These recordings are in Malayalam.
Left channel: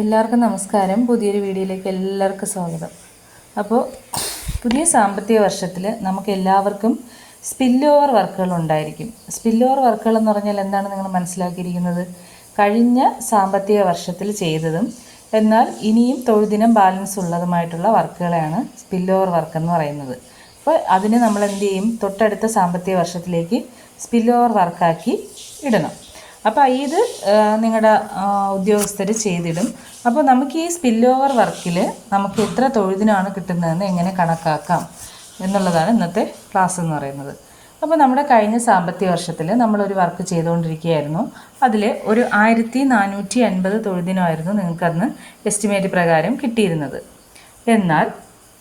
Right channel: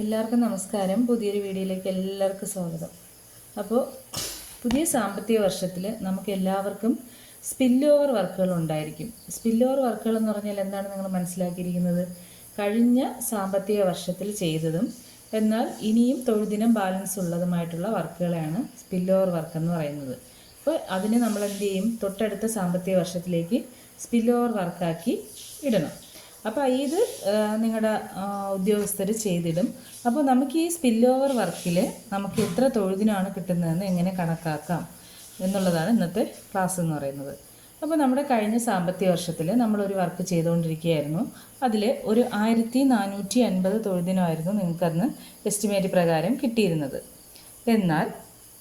എല്ലാവർക്കും നമസ്കാരം. പുതിയൊരു വീഡിയോയിലേക്ക് എല്ലാവർക്കും സ്വാഗതം. അപ്പോൾ പുതിയ സാമ്പത്തിക വർഷത്തിൽ നമുക്ക് എല്ലാവർക്കും സ്പിൽ ഓവർ വർക്കുകൾ ഉണ്ടായിരിക്കും. സ്പിൽ ഓവർ വർക്കുകൾ എന്ന് പറഞ്ഞാൽ എന്താണ് നിങ്ങൾ മനസ്സിലാക്കിയിരിക്കുന്നത്? കഴിഞ്ഞ സാമ്പത്തിക വർഷത്തിൽ ചെയ്തതും എന്നാൽ ഇനിയും തൊഴിൽദിനം ബാലൻസ് ഉള്ളതുമായിട്ടുള്ള വർക്കുകളെയാണ് സ്പിൽ ഓവർ വർക്ക് എന്ന് പറയുന്നത്. അപ്പോൾ അതിന് നമ്മൾ എന്ത് ചെയ്യും? തൊട്ടടുത്ത സാമ്പത്തിക വർഷത്തിലേക്ക് സ്പിൽ ഓവർ വർക്കാക്കി ഇടണം. അപ്പോൾ ഇത് നിങ്ങളുടെ ഉദ്യോഗസ്ഥർ ചെയ്തിടും. അപ്പോൾ നമുക്ക് ഈ സ്പിൽ ഓവർ വർക്കിൽ നമുക്ക് എത്ര തൊഴുതിനാണ് കിട്ടുന്നതെന്ന് എങ്ങനെ കണക്കാക്കാം എന്നുള്ളതാണ് ഇന്നത്തെ ക്ലാസ് എന്ന് പറയുന്നത്. അപ്പോൾ നമ്മുടെ കഴിഞ്ഞ സാമ്പത്തിക വർഷത്തിൽ നമ്മളൊരു വർക്ക് ചെയ്തുകൊണ്ടിരിക്കുകയായിരുന്നു അതിൽ ഒരു ആയിരത്തി നാനൂറ്റി അൻപത് തൊഴുതിനായിരുന്നു നിങ്ങൾക്കന്ന് എസ്റ്റിമേറ്റ് പ്രകാരം കിട്ടിയിരുന്നത്. എന്നാൽ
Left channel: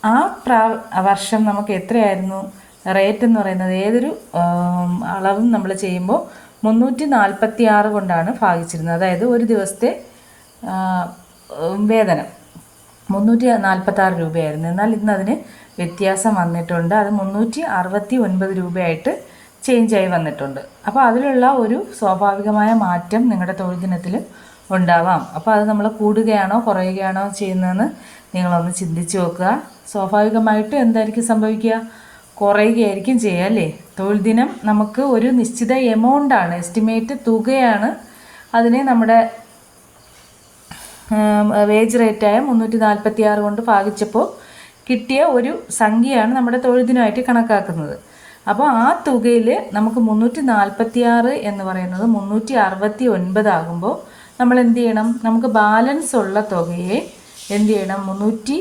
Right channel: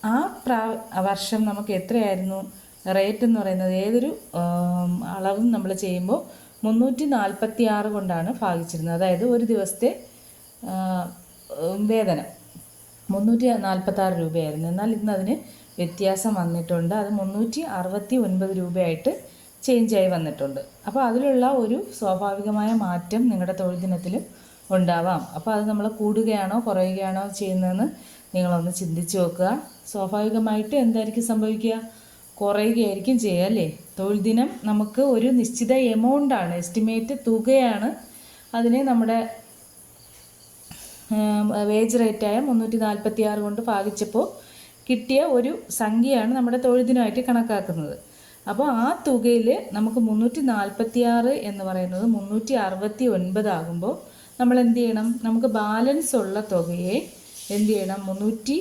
ആ പ്രാ വർഷം നമുക്ക് എത്രയായിരുന്നു? റേറ്റ് എന്ന് പറയുന്നത് ഏതൊരു അളവും നമ്മൾ ചെയ്യുമ്പോൾ മുന്നൂറ്റി നാൽപ്പത്തി ആറ് കൊണ്ടാണ് ഭാഗിച്ചിരുന്നത്. അതായത് ഒരു ദിവസത്തെ വേതനം. മുന്നൂറ്റി നാൽപ്പത്തി ആറ് രൂപയായിരുന്നു. എന്നാൽ ഇന്ന് അതിന് വ്യത്യാസം വന്നിട്ടുണ്ട്. അത് മുന്നൂറ്റി അറുപത്തി ഒൻപത് രൂപയായിട്ട് ചേഞ്ചായി വന്നിട്ടുണ്ട്. അപ്പോൾ അതിലുള്ള ഒരു സ്വാഭാവികമായ മാറ്റം നിങ്ങളുടെ തൊഴിൽ ദിനത്തിൽ ഉണ്ടാവാം. അപ്പോൾ അത് നമ്മൾ കൂടുകയാണോ കുറയുകയാണോ ചെയ്യുന്നതെന്ന് നിങ്ങളൊന്ന് ചിന്തിച്ച് നോക്കുക. സ്വാഭാവികമായിട്ട് എന്തായിരിക്കും സംഭവിക്കുക? കുറയുകയായിരിക്കും ചെയ്യുക അല്ലേ? തൊഴിൽ ദിനം നമുക്ക് ഒരു നിശ്ചിത എമൗണ്ടാണ് എസ്റ്റിമേറ്റ് തുകയാണ്. അതിനെ നമ്മുടെ വേജ് റേറ്റായ മുന്നൂറ്റി നാൽപ്പത്തി ആറ് കൊണ്ട് ഭാഗിച്ചപ്പോൾ കിട്ടിയ ഒരു സംഖ്യയാണ് നമ്മുടെ തൊഴിൽ ദിനമായിട്ട് കണക്കാക്കുന്നത്. അപ്പോൾ ആ തുകയിൽ നമുക്ക് മുന്നൂറ്റി നാൽപ്പത്തി ആറ് എന്ന് പറയുന്നത് മുന്നൂറ്റി അറുപത്തി ഒൻപത് ആകുമ്പോൾ നമ്മൾ എന്ത് ചെയ്യണം? നമുക്ക് ബാലൻസ് ഉള്ള തുകയെ എന്ത് ചെയ്യണം? മുന്നൂറ്റി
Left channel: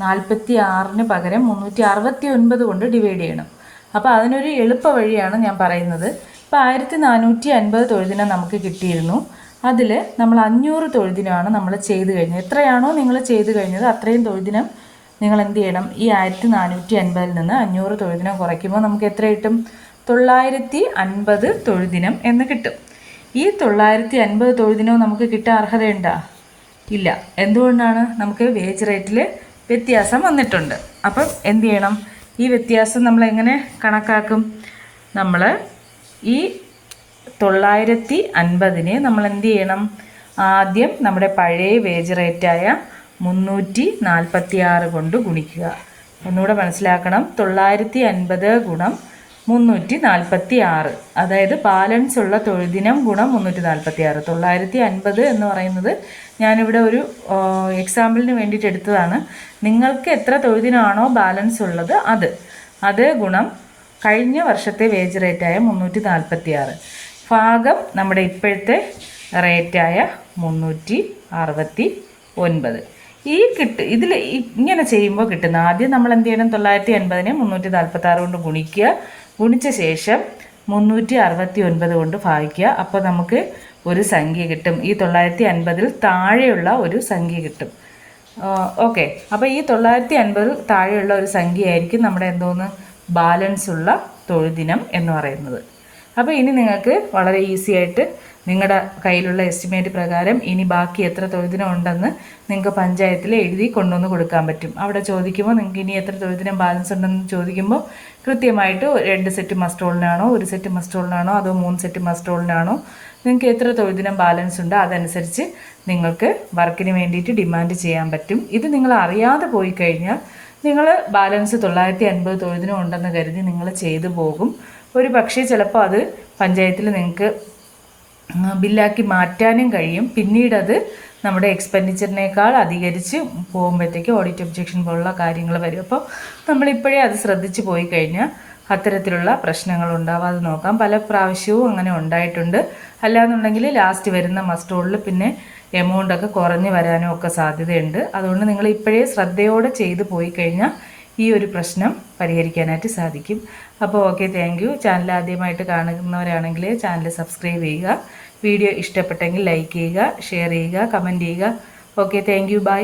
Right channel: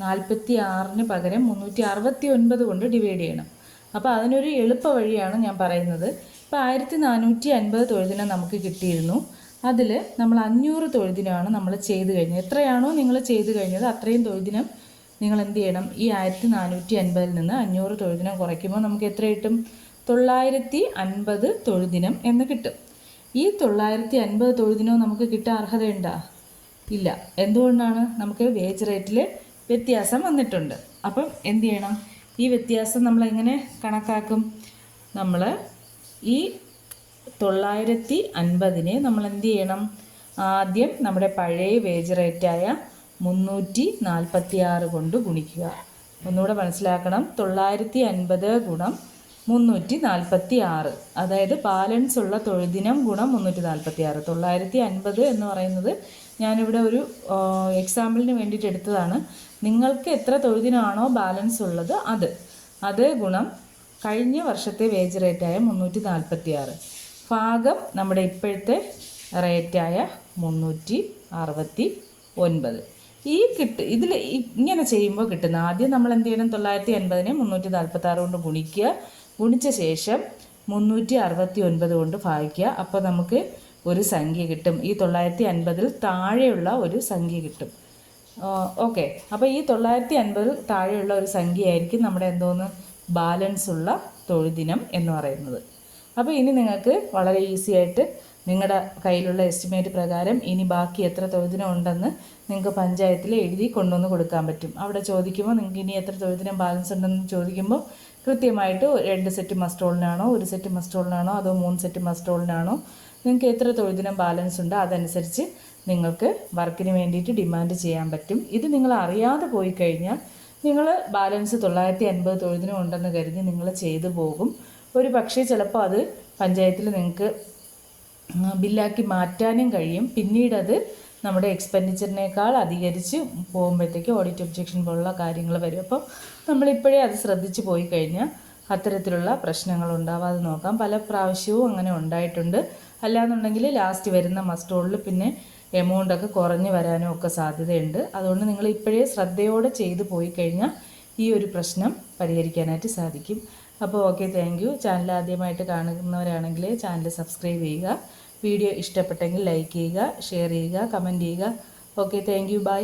നാൽപ്പത്തി ആറിന് പകരം മുന്നൂറ്റി അറുപത്തി ഒൻപത് കൊണ്ട് ഡിവൈഡ് ചെയ്യണം. അപ്പോൾ അതിനൊരു എളുപ്പ വഴിയാണ് ഞാൻ പറയുന്നത്. ഇപ്പോൾ ആയിരത്തി നാനൂറ്റി അൻപത് തൊഴുതിനം നമുക്ക് കിട്ടിയിരുന്നു. അതിൽ നമ്മൾ അഞ്ഞൂറ് തൊഴുതിനമാണ് നമ്മൾ ചെയ്ത് കഴിഞ്ഞത്. എത്രയാണോ നിങ്ങൾ ചെയ്ത് കഴിഞ്ഞത് അത്രയും തൊഴുതിനം നിങ്ങൾ എന്ത് ചെയ്യണം? ഈ ആയിരത്തി നാനൂറ്റി അൻപതിൽ നിന്ന് അഞ്ഞൂറ് തൊഴുതിനം കുറയ്ക്കുമ്പോൾ നമുക്ക് എത്ര കിട്ടും? തൊള്ളായിരത്തി അൻപത് തൊഴുതിനം എന്ന് കിട്ടും. ഈ തൊള്ളായിരത്തി അൻപത് തൊഴുതിനോ നമുക്ക് കിട്ടാൻ അർഹതയുണ്ടോ? ഇല്ല. എന്തുകൊണ്ടാണ്? നമുക്ക് വേജ് റേറ്റിൽ വ്യത്യാസം വന്നിട്ടുണ്ട്. അപ്പം എന്ത് ചെയ്യണം? ഈ വ്യത്യാസം നമ്മൾ എങ്ങനെ കണക്കാക്കും? നമ്മൾ ഈ തൊള്ളായിരത്തി അൻപതിന് നമ്മൾ എന്ത് ചെയ്യണം? ആദ്യം നമ്മുടെ പഴയ വേജ് റേറ്റായ മുന്നൂറ്റി നാൽപ്പത്തി ആറ് കൊണ്ട് ഗുണിക്കുക. ഒന്നുകൂടെ മനസ്സിലാക്കണം. തൊള്ളായിരത്തി അൻപത് ഗുണം മുന്നൂറ്റി നാൽപ്പത്തി ആറ് അതായത് ബാലൻസ് ഉള്ള തൊഴുദിനം ഗുണം മുന്നൂറ്റി നാൽപ്പത്തി ആറ് തൊള്ളായിരത്തി അൻപത് എന്ന് പറയുന്നത് ഞാനിവിടെ ഒരു എക്സാമ്പിളിന് വേണ്ടിയിട്ട് എടുത്തതാണ്. നിങ്ങൾക്ക് എത്ര തൊഴുദിനാണോ ബാലൻസ് ഉള്ളത് അത്. അത് ഗുണം കഴിഞ്ഞ വർഷത്തെ വേജ് റേറ്റായ മുന്നൂറ്റി നാൽപ്പത്തി ആറ് ഭാഗം നമ്മുടെ ഇപ്പോഴത്തെ റേറ്റായ മുന്നൂറ്റി അറുപത്തി ഒൻപത് ഈ കിട്ട് ഇതിൽ ഇങ്ങനെ ചെയ്യുമ്പോൾ കിട്ടുന്ന ആദ്യം നമ്മൾ എന്ത് ചെയ്യണം? തൊള്ളായിരത്തി അൻപതിനെ മുന്നൂറ്റി നാൽപ്പത്തി ആറ് കൊണ്ട് ഗുണിക്കുക. ഗുണിച്ച ശേഷം മുന്നൂറ്റി അറുപത്തി ഒൻപത് കൊണ്ട് ഭാഗിക്കുക. അപ്പോൾ നമുക്ക് ഒരു സംഖ്യ കിട്ടും. ഈ തൊള്ളായിരത്തി അൻപതിൽ താഴെയുള്ള ഒരു സംഖ്യ കിട്ടും. ഓക്കെ. അപ്പോൾ ഈ തൊള്ളായിരത്തി അൻപതിൽ താഴെയുള്ള ഒരു സംഖ്യ ആയിരിക്കും നമ്മുടെ എന്തോന്ന്? ബാലൻസ് ഉള്ള തൊഴുദിനം എന്ന് പറയുന്നത്. അപ്പോൾ ഇനി നിങ്ങൾക്ക് വളരെ ഈസി ആയിട്ട് നിങ്ങളുടെ കയ്യിലുള്ള എസ്റ്റിമേറ്റ് പ്രകാരം ഇനി ബാക്കി എത്ര തൊഴുദിനം ഉണ്ടെന്ന് നിങ്ങൾക്ക് പഞ്ചായത്തിൽ എഴുതി കൊണ്ടുവന്ന് കൊടുക്കാൻ പറ്റും. അവിടെ ചോദിക്കുമ്പോൾ നിങ്ങൾക്ക് ഇനി എത്ര തൊഴുദിനം ബാലൻസ് ഉണ്ടെന്ന് ചോദിക്കുമ്പോൾ കൃത്യമായിട്ട് രണ്ട് സെറ്റ് മസ്റ്റോളിനാണോ ഒരു സെറ്റ് മസ്റ്റോളിനാണോ അതോ മൂന്ന് സെറ്റ് മസ്റ്റോളിനാണോ നിങ്ങൾക്ക് എത്ര തൊഴുദിനം ബാലൻസ് ഉണ്ട് അതനുസരിച്ച് നിങ്ങൾക്ക് വർക്കിന് വേണ്ടിയിട്ട് ഡിമാൻഡ് ചെയ്യാൻ പറ്റും. ഇത് നിങ്ങൾ അറിയാതെ പോയി കഴിഞ്ഞാൽ നിങ്ങൾ ബാലൻസ് തൊള്ളായിരത്തി അൻപത് തൊഴുതിനും ഉണ്ടെന്ന് കരുതി നിങ്ങൾ ചെയ്തു പോകും. ഒരു പക്ഷേ ചിലപ്പോൾ അത് പഞ്ചായത്തിൽ നിങ്ങൾക്ക് ബില്ലാക്കി മാറ്റാനും കഴിയും. പിന്നീട് അത് നമ്മുടെ എക്സ്പെൻഡിച്ചറിനേക്കാൾ അധികരിച്ച് പോകുമ്പോഴത്തേക്ക് ഓഡിറ്റ് ഒബ്ജെക്ഷൻ പോലുള്ള കാര്യങ്ങൾ വരും. അപ്പോൾ നമ്മളിപ്പോഴേ അത് ശ്രദ്ധിച്ചു പോയി കഴിഞ്ഞാൽ അത്തരത്തിലുള്ള പ്രശ്നങ്ങൾ ഉണ്ടാവാതെ നോക്കാം. പല പ്രാവശ്യവും അങ്ങനെ ഉണ്ടായിട്ടുണ്ട്. അല്ലാന്നുണ്ടെങ്കിൽ ലാസ്റ്റ് വരുന്ന മസ്റ്റോളിൽ പിന്നെ എമൗണ്ടൊക്കെ കുറഞ്ഞു വരാനും ഒക്കെ സാധ്യതയുണ്ട്. അതുകൊണ്ട് നിങ്ങൾ ഇപ്പോഴേ ശ്രദ്ധയോടെ ചെയ്തു പോയി കഴിഞ്ഞാൽ ഈ ഒരു പ്രശ്നം പരിഹരിക്കാനായിട്ട് സാധിക്കും. അപ്പോൾ ഓക്കെ താങ്ക് യു ചാനൽ ആദ്യമായിട്ട് കാണുന്നവരാണെങ്കിൽ ചാനൽ സബ്സ്ക്രൈബ് ചെയ്യുക. വീഡിയോ ഇഷ്ടപ്പെട്ടെങ്കിൽ ലൈക്ക് ചെയ്യുക ഷെയർ ചെയ്യുക കമന്റ് ചെയ്യുക. Okay thank you bye